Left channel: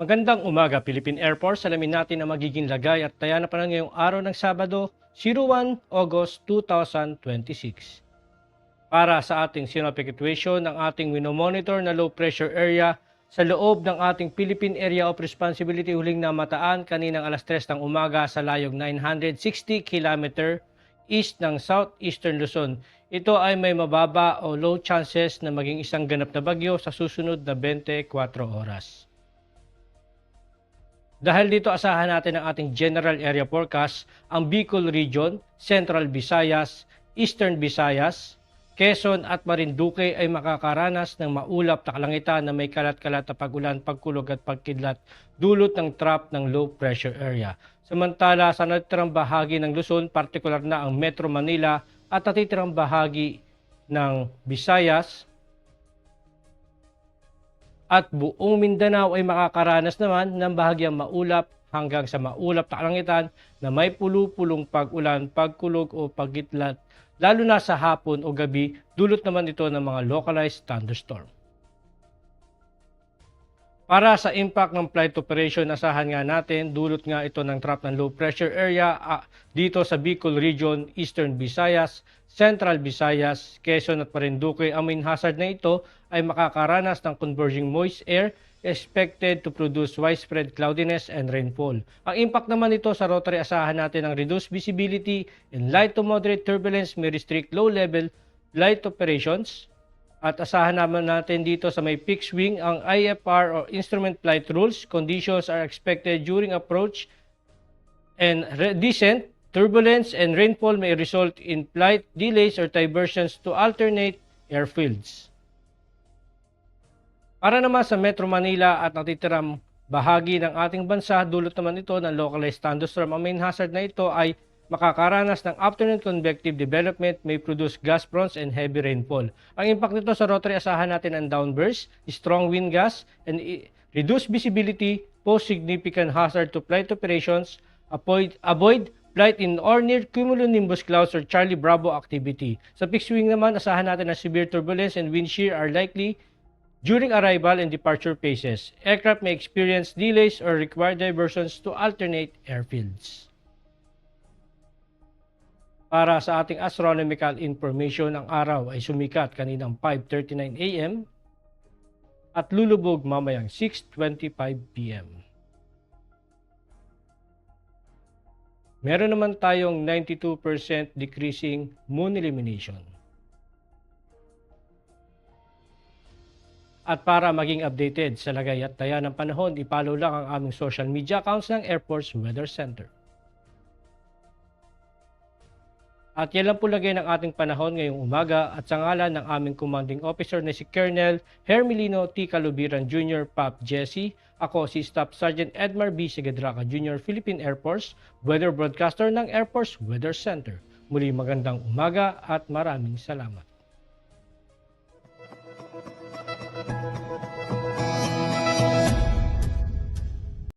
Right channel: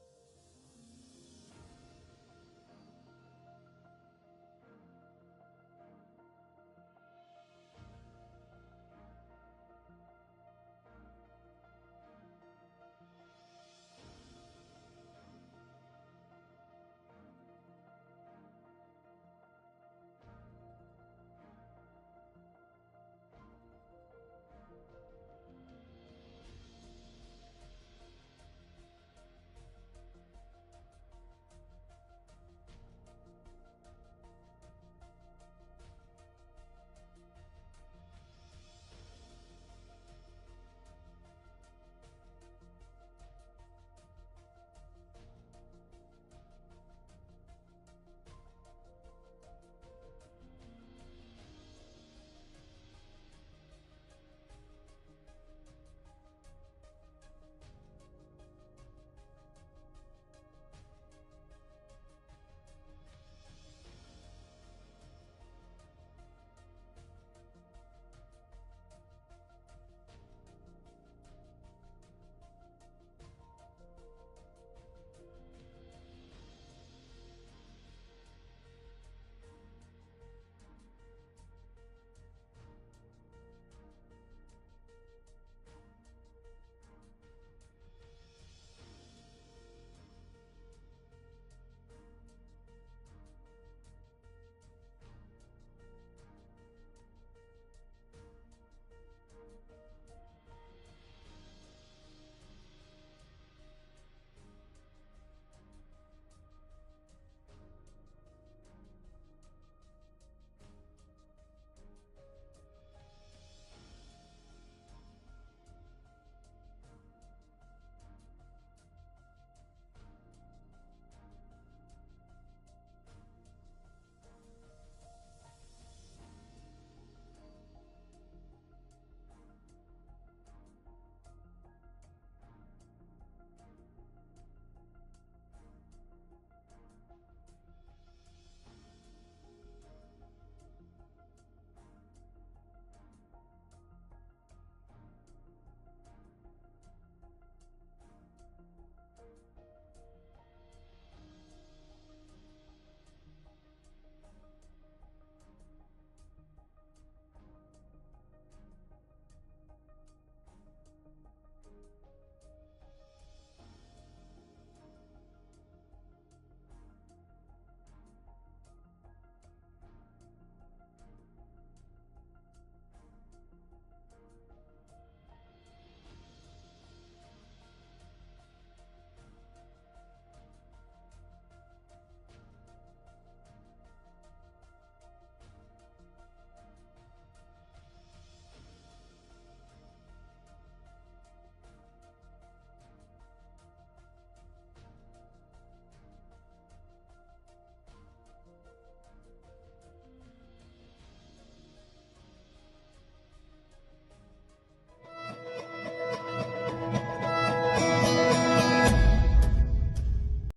Magandang umaga, Philippine Air Force. Alamin natin ang magiging lagay at taya na pa ngayong araw ng Sabado, 01 August 2026. Para sa ating synoptic situation, ng ating winomonitor na low pressure area sa loob ng ating Philippine Area of Responsibility huling namataan kaninang alas 3 ng umaga sa layog 960 km east ng southeastern Luzon. Ito ay may mababa o low chances na maging isang ganap na bagyo sa susunod na 24 oras. Dahil dito asahan natin ang ating general area forecast, ang Bicol Region, Central Visayas, Eastern Visayas, Quezon at Marinduque ay makakaranas ng maulap na kalangitan na may kalat-kalat na pagulan, pagkulog at pagkidlat dulot ng trap ng low pressure area. Samantala sa natitirang bahagi ng Luzon, partikular na ang Metro Manila at natitirang bahagi ng Visayas, at buong Mindanao ay makakaranas naman ng bahagyang maulap hanggang sa maulap na kalangitan na may pulu-pulong pag-ulan, pagkulog o pagkidlat, lalo na sa hapon o gabi, dulot naman ito ng mga localized thunderstorm. Para sa impact ng flight operation, asahan nga natin, dulot nga ito ng trap ng low pressure area dito sa Bicol Region, Eastern Visayas, Central Visayas, Quezon at Marinduque. Ang main hazard na ito ay makakaranas ng converging moist air expected to produce widespread cloudiness and rainfall. Ang impact naman nito sa rotary, asahan natin ang reduced visibility and light to moderate turbulence may restrict low-level flight operations. At asahan naman natin dito sa may fixed wing ang IFR or Instrument Flight Rules. Conditions are expected during approach and descent. Turbulence and rainfall may result in flight delays or diversions to alternate airfields. Para naman sa Metro Manila at natitirang bahagi ng ating bansa, dulot naman ito ng localized thunderstorm. Ang main hazard na ito ay makakaranas ng afternoon convective development, may produce gust fronts and heavy rainfall. Ang impact nito sa rotary, asahan natin ang downburst, strong wind gusts, and reduced visibility pose significant hazard to flight operations. Avoid flight in or near cumulonimbus clouds or Charlie Bravo activity. Sa fixed wing naman, asahan natin na severe turbulence and wind shear are likely during arrival and departure phases. Aircraft may experience delays or require diversions to alternate airfields. Para sa ating astronomical information, ang araw ay sumikat kaninang 5:39 AM at lulubog mamayang 6:25 PM. Meron naman tayong 92% decreasing moon illumination. At para maging updated sa lagay at taya ng panahon, i-follow lang ang aming social media accounts ng Air Force Weather Center. At yan lang po lagay ng ating panahon ngayong umaga at sa ngalan ng aming commanding officer na si Colonel Hermelino T. Calubiran Jr. Pap Jesse, ako si Staff Sergeant Edmar B. Segadraca Jr. Philippine Air Force, Weather Broadcaster ng Air Force Weather Center. Muli magandang umaga at maraming salamat.